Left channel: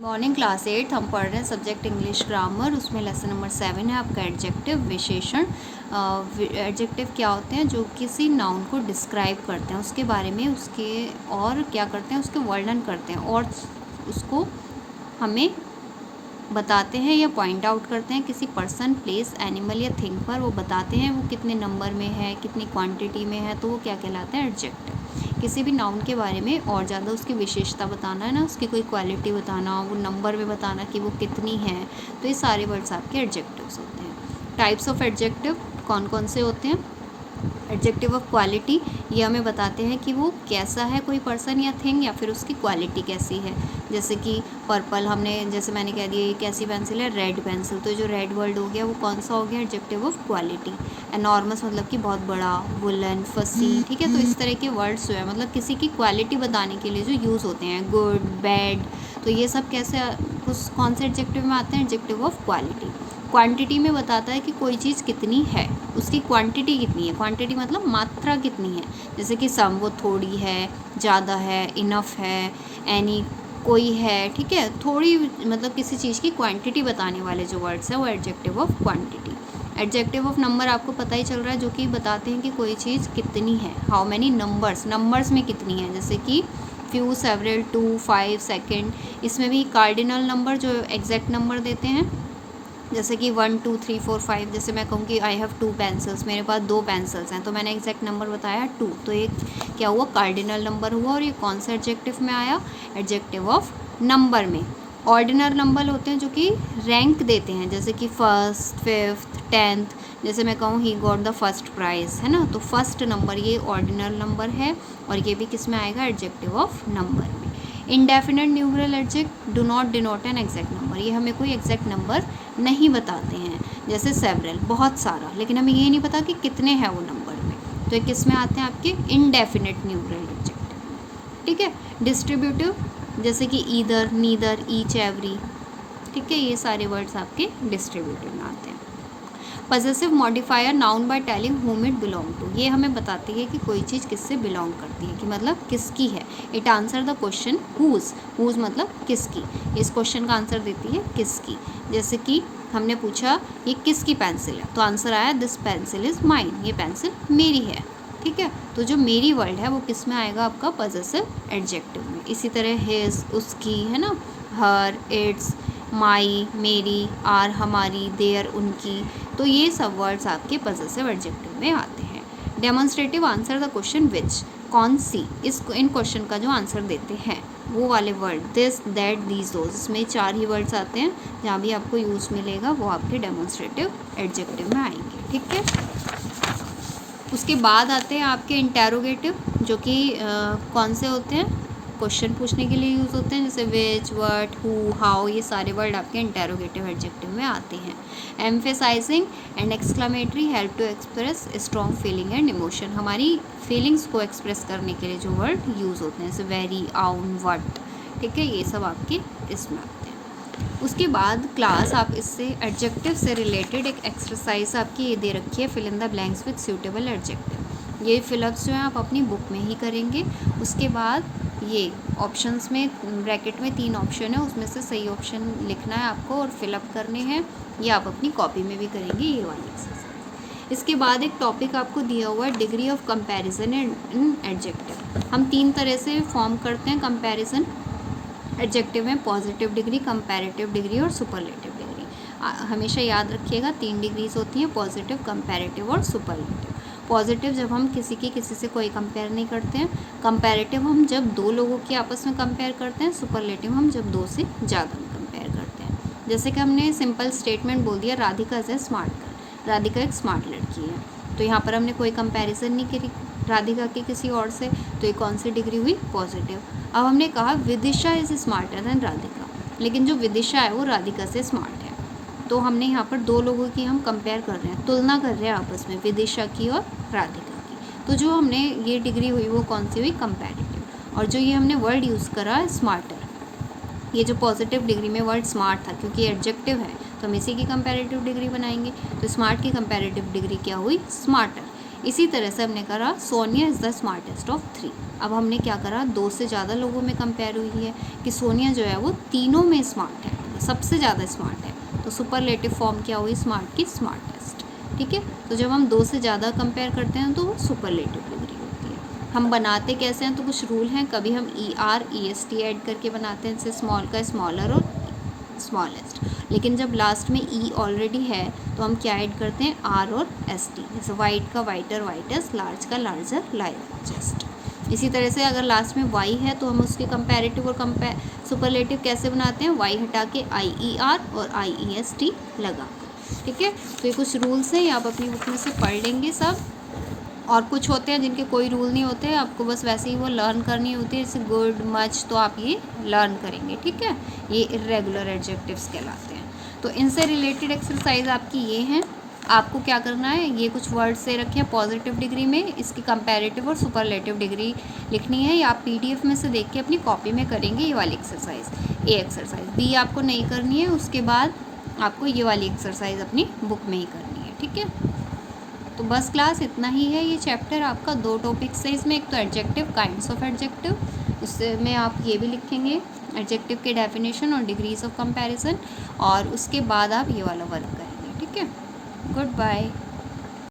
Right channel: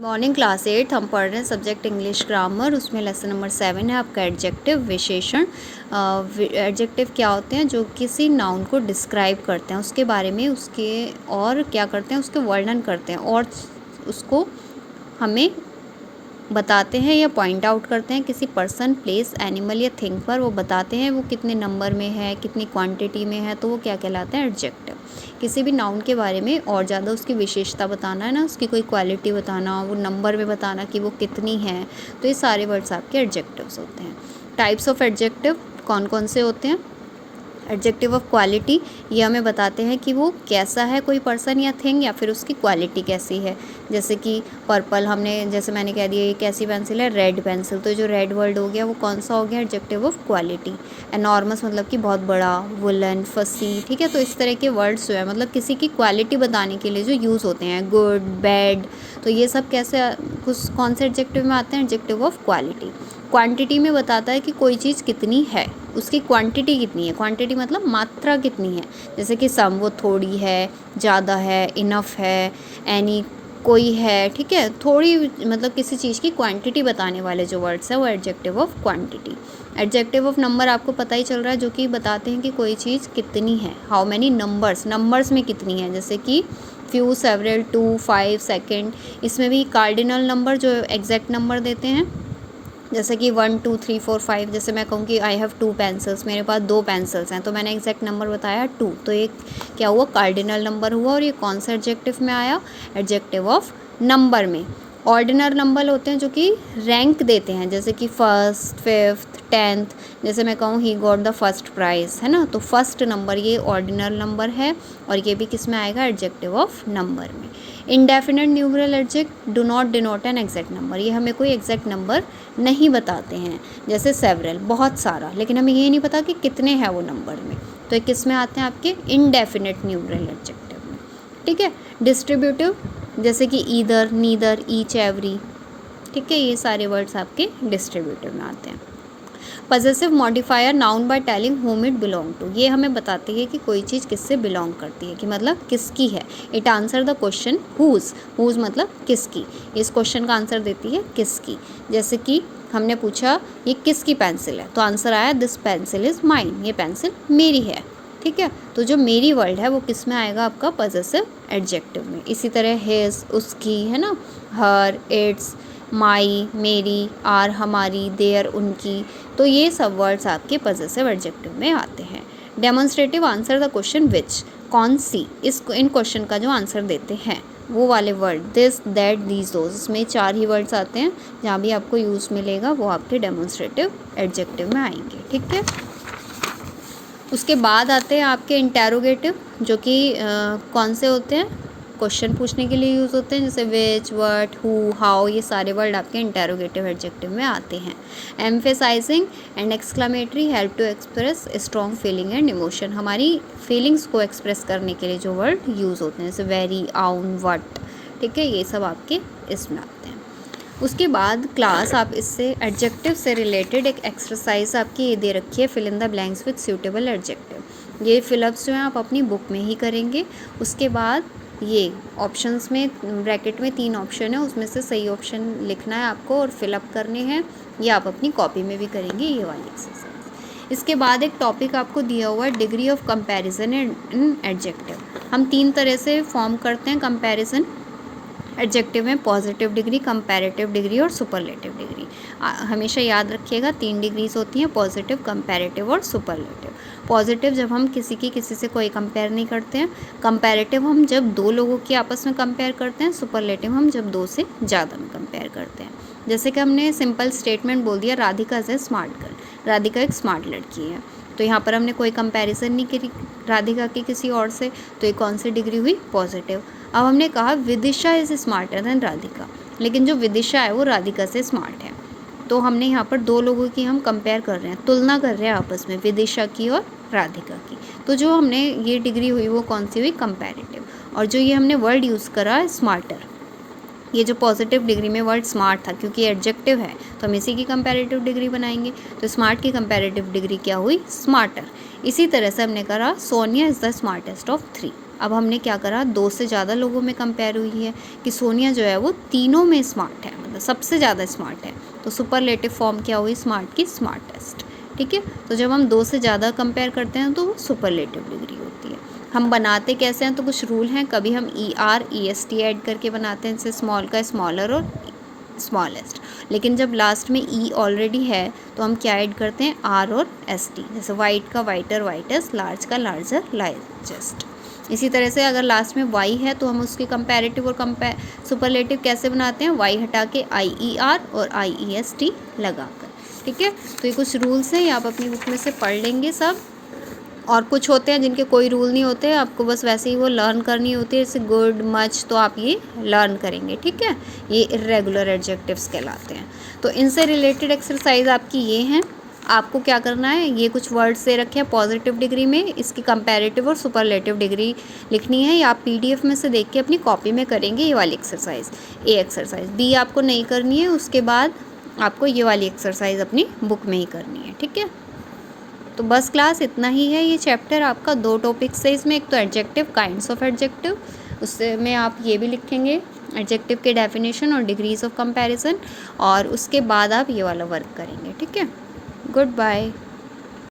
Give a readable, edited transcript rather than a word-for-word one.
Morning class 8 हम पढ़ रहे हैं सब्जेक्ट इंग्लिश ग्रामर। उसमें लेसन नंबर 7 है आपका एडजेक्टिव, विशेषण। एडजेक्टिव क्या होते हैं? जो किसी नाउन को डिस्क्राइब करते हैं, उसके बारे में, उसके और क्या करते हैं, उसके वर्णन करते हैं और उसको हमें बताते हैं या पॉइंट आउट करते हैं किसी पर्सन, प्लेस, एनिमल या थिंग पर। वो बताते हैं वो कितने नंबर में है, कितनी क्वांटिटी में है, तो वो क्या कहलाता है? एडजेक्टिव। किसी भी नाउन के बारे में और ज़्यादा उसकी विशेषता बताना है ना, उसकी कोई क्वालिटी बताना, वो नंबर में बताना कि वो कितनी है, तो ये सारे वर्ड्स आपके एडजेक्टिव्स होते हैं। टाइप्स ऑफ एडजेक्टिव कौन कौन से होते हैं? एडजेक्टिव ऑफ क्वालिटी, ये हमें बताते हैं कि वो कैसा है, कोई पर्सन या थिंग, या फिर उसकी क्वालिटी कैसी है। जैसे कि पर्पल, जैसे मैंने कह दिया ये कैसी पेंसिल है? रेड पेंसिल, तो जो रेड वर्ड हो गया वो कौन सा हो गया? Adjective of quality. एनॉर्मस मतलब कि बहुत बड़ा, वुलन, फसी, ठीक है। तो इस तरह के वर्ड्स जो है मतलब किसी की क्वालिटी बताने के लिए जो यूज़ होते हैं, गुड, बैड, तो ये सब कैसे कौन से एडजेक्टिव में आते हैं? Adjective of quality. क्वांटिटी में बताता है कि कोई चीज़ कितनी है, उसकी क्वांटिटी कितनी है। क्वांटिटी मतलब मात्रा कितनी है, जैसे कि सम, वो थोड़ी है, ज़्यादा है, इनफ है, एनी, कोई है, ठीक है। थोड़ी मतलब किसी चीज़ की क्वांटिटी बताने वाले जो वर्ड्स हैं वो adjective of quantity. Adjective of number आपको पता ही चल रहा है, जो कि बताते हैं कि कोई चीज़ कितनी है। हाउ मैनी नंबर्स, नंबर्स में कितनी है, जैसे कि फ्यू, सेवरल, 2, 5, सेकेंड। इसमें भी कार्डिनल नंबर जो एग्जैक्ट नंबर देते हैं, जैसे कि 1, 2, 3, 4, 5। जैसे मैं कहूँ कि आई हैव 2 पेंसिल्स, मेरे पास 2 पेंसिल्स हैं, तो मैंने एग्जैक्ट नंबर बताया 2, तो ये क्या हुआ? कार्डिनल नंबर हुआ। और ये कौन सा एडजेक्टिव में आया? एडजेक्टिव ऑफ नंबर में। ऑर्डिनल नंबर होते हैं जो कि रैंक देते हैं, जैसे कि फर्स्ट, फिफ्थ, 10th। जैसे मैं कहूँ he got the first prize, है ना, तो फर्स्ट नंबर ये ऑर्डिनल नंबर है और ये भी किस में आएगा? एडजेक्टिव ऑफ नंबर में। Indefinite numeral adjective do not denote an exact number, ये हमें कोई एग्जैक्ट नंबर नहीं बताते हैं। जैसे सेवरल, बहुत सारा, लेकिन हमें ये नहीं पता कि कितने हैं वो नंबर में, तो ये किस में आते हैं? आपके इंडेफिनिट न्यूमरल एडजेक्टिव में, ठीक है। डिस्ट्रीब्यूटिव, जैसे कि ईदर, नीदर, ईच, एवरी, ठीक है, ये सारे वर्ड्स आपके डिस्ट्रीब्यूटिव में आते हैं। Possessive modifier, noun by telling whom it belong to, ये हमें बताती है कि कोई चीज़ किससे बिलोंग करती है, कि मतलब किसकी है। It answer the question whose, whose मतलब किसकी, इस क्वेश्चन का आंसर देती है किसकी। जैसे कि हमने पूछा ये किसकी पेंसिल है, तो आंसर आया दिस पेंसिल इज़ माइन, ये पेंसिल मेरी है, ठीक है। तो जो मेरी वर्ड है वो किस में आएगा? आपका पजेसिव एडजेक्टिव में। इसी तरह हिज, उसकी, है ना, हर, इट्स, माई, मेरी, आर, हमारी, देयर, उनकी, तो ये सब वर्ड्स आपके पजेसिव एडजेक्टिव में आते हैं। Demonstrative, answer the question which, कौन सी, इन क्वेश्चन का जो आंसर देते हैं वो वाले word, this, that, these, those, इसमें 4 ही वर्ड्स आते हैं। जहाँ भी आपको यूज़ मिलेगा वो आपके डेमोन्स्ट्रेटिव एडजेक्टिव में आएंगे, ठीक है। उसके बाद आते हैं आपके इंटेरोगेटिव, जो कि कौन से होते हैं? क्वेश्चन पूछने के लिए यूज़ होते हैं, जैसे विच, व्हाट, हु, हाउ, ये सारे वर्ड आपके इंटेरोगेटिव एडजेक्टिव में आते हैं। Emphasizing and exclamatory, help to express strong feeling and emotion, हमारी फीलिंग्स को एक्सप्रेस करने के लिए जो वर्ड यूज़ होते हैं, जैसे वेरी, आउन, वट, ठीक है, ये सब आपके इसमें आते हैं। उसके बाद क्लास, आप इससे एडजेक्टिव से रिलेटेड एक एक्सरसाइज आपकी ये दे रखी है, fill in the blanks with suitable adjective. ये फिलअप्स जो हैं आप अपनी बुक में ही करेंगे। उसके बाद ये ऑप्शंस में ब्रैकेट में 3 ऑप्शन है, उसमें से सही ऑप्शन लिखना है आपको और फिलअप करने हैं। ये आप अपनी कॉपी में भी करेंगे ये वाली एक्सरसाइज। इसके बाद एक टॉपिक आपको दिया हुआ है, degree of comparison in adjective. हम 3 तरह से फॉर्म करते हैं कंपैरिजन एडजेक्टिव में, पॉजिटिव डिग्री, कंपैरेटिव डिग्री और सुपरलेटिव डिग्री। हमेशा याद रखिएगा 3 डिग्रीज होती हैं, पॉजिटिव, कंपैरेटिव और सुपरलेटिव। पॉजिटिव जब हम किसी से कोई कंपेयर नहीं करते हैं, कंपैरेटिव हम जब 2 लोगों की आपस में कंपेयर करते हैं, सुपरलेटिव हम जब 2 से ज़्यादा में कंपेयर करते हैं। जैसे कि हमने सिंपल स्टेटमेंट बोल दिया, Radhika is a smart girl, Radhika एक स्मार्ट लड़की है, तो यहाँ पर हमने कोई कंपैरिजन नहीं करी राधिका की किसी और से, तो ये कौन सी डिग्री हुई? पॉजिटिव। अब हमने कहा Vidisha is smarter than Radhika, लेकिन जो विदिशा है वो राधिका से स्मार्ट है, तो हमने यहाँ पर 2 लोगों की हम कंपेयर कर रहे हैं, तुलना कर रहे हैं आपस में, विदिशा की और राधिका की, तो जो हमने ये डिग्री हुई वो कौन सी हुई? कंपैरेटिव। और जो ये हमने वर्ड यूज़ करा स्मार्टर, ये जो पॉजिटिव डिग्री में वर्ड स्मार्ट था, क्योंकि एडजेक्टिव है तो हम इसी की कंपैरेटिव डिग्री बनाएंगे। तो स्मार्ट की कंपैरेटिव डिग्री क्या हुई? स्मार्टर। इसी तरह से हमने करा Sonia is the smartest of 3। अब हमने क्या करा, 2 से ज़्यादा लोगों में कंपेयर हुई है कि सोनिया जो है वो तीनों में स्मार्ट है, मतलब सबसे ज़्यादा स्मार्ट है। तो सुपरलेटिव फॉर्म क्या हुई स्मार्ट की? स्मार्टेस्ट। ठीक है, तो जब हम 2 से ज़्यादा कंपेयर करते हैं तो वो सुपरलेटिव डिग्री होती है। हम बनाते कैसे हैं, तो कुछ रूल हैं। कभी हम ER EST ऐड करके बनाते हैं, जैसे स्मॉल का स्मॉलर और स्मॉलेस्ट। लेकिन जब लास्ट में E ऑलरेडी है तो हम क्या ऐड करते हैं? R और ST। जैसे वाइट का वाइटर वाइटेस्ट, लार्ज का लार्जर लार्जेस्ट। इसी तरह से अगर लास्ट में Y है तो हम उसकी कंपैरेटिव और सुपरलेटिव कैसे बनाते हैं? Y हटा के IER और IEST लगा कर। ठीक है, तो ये कुछ रूल्स हैं, ये आप अपनी बुक में से पढ़ लेंगे सब। और कुछ होते हैं जिनके कोई रूल नहीं होते, आपको बस वैसे ही वो लर्न करनी होती है, जैसे गुड मच, तो आप ये लर्न करेंगे। ठीक है, ये इर्रेगुलर एडजेक्टिव्स कहलाते हैं। तो इनसे रिलेटेड एक्सरसाइज आपकी ये हैं। आपको क्या करना है, ये कुछ वर्ड्स दे रखे हैं पॉजिटिव डिग्री में, इसकी कंपैरेटिव और सुपरलेटिव डिग्री लिखनी है। या आप PDF में से देख के अपनी कॉपी में करेंगे ये वाली एक्सरसाइज, A एक्सरसाइज। B आपको नहीं करनी है, उसके बाद आपको ये वाली एक्सरसाइज अपनी बुक में ही करनी है। ठीक है, तो बस क्लास इतना ही है। ये चैप्टर आपका 2 टॉपिक से, इसमें एक तो एडजेक्टिव, काइंड्स ऑफ एडजेक्टिव, उसमें आप ये भी लिखेंगे एडजेक्टिव के डेफिनेशन और डिग्रीज ऑफ कंपैरिजन, और उसके बाद आप ये वाला वर्क करेंगे। ठीक है, गुड बाय।